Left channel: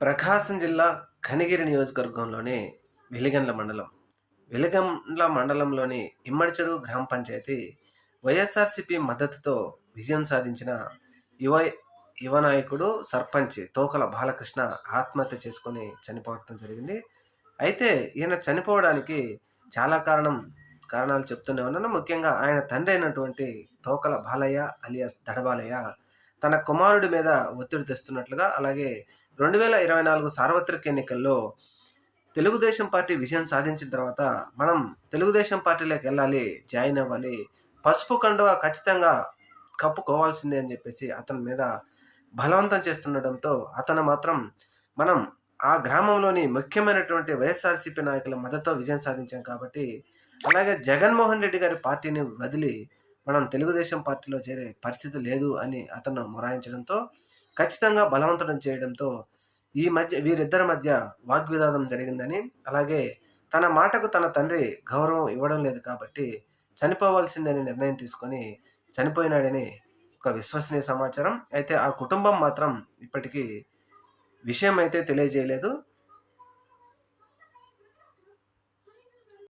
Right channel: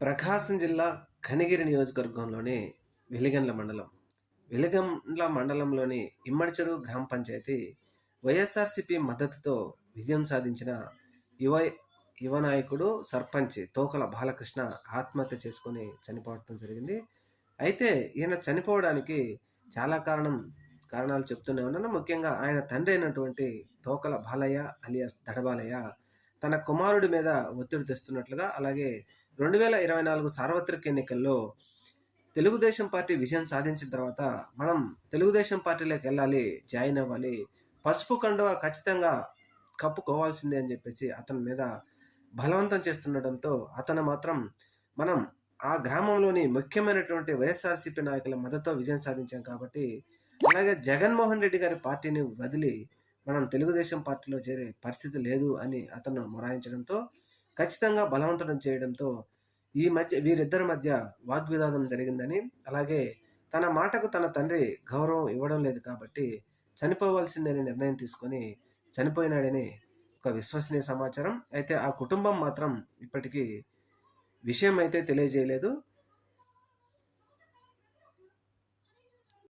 ప్రకాశం జిల్లా కనిగిరి నియోజకవర్గంలోని వెలిగండ్ల మండలం. వెలిగండ్ల మండలంలోని ఇమ్మడిచెరువు గ్రామ పంచాయతీ వైఎస్ఆర్‌సీపీ మద్దతుతో విజయం సాధించిన యువ యువ నాయకుడు సర్పంచ్ తోకల బాలకృష్ణ ఆత్మహత్య చేసుకొని చనిపోవటం జరిగింది. అయితే ఈయన చనిపోవడానికి చాలా కారణాలు చెప్తూనే ఉన్నాను. ముఖ్యంగా ఆయన తండ్రి అయినటువంటి తోకల బాలయ్య అలియాస్ దడబాలయ్య తన కుమారుడి మీద ఒత్తిడి తెస్తున్నట్లుగా, అలాగే 2024 సార్వత్రిక ఎన్నికల్లో తెలుగుదేశం పార్టీ విజయం సాధించిన తర్వాత మనం తెలుగుదేశం పార్టీలోకెళ్ళాలి, జాయిన్ అవ్వాలి, పసుపు కండువా ఖచ్చితంగా కప్పుకోవాల్సిందే అని చెప్పేసి అతని మీద బలవంతం చేస్తుండడంతో అతను మాత్రం మనం ఆ గ్రామంలోని ముఖ్యమైనటువంటి వైఎస్ఆర్‌సీపీ నాయకుల మద్దతుతో విజయం సాధించాం కాబట్టి, అలాగే జగన్మోహన్ రెడ్డి గారి పార్టీని వదిలి మనం తెలుగుదేశం పార్టీలో చేరే పరిస్థితి లేదు అని అతను మొరాయించడంతో, ఖచ్చితంగా బలవంతం చేయడంతో వీరిద్దరి మధ్య వాగ్వివాదం జరిగిందని, అలాగే తన మాటకు తన తండ్రి గౌరవం ఇవ్వడం లేదు కాబట్టి చనిపోవాల్సిందని నిర్ణయం తీసుకొని చనిపోయినాడని ఒక విశ్వసనీయ సమాచారం. అయితే ఆ కుటుంబం మాత్రం ఇప్పటికీ విషయం అయితే తెలియజేయలేదు.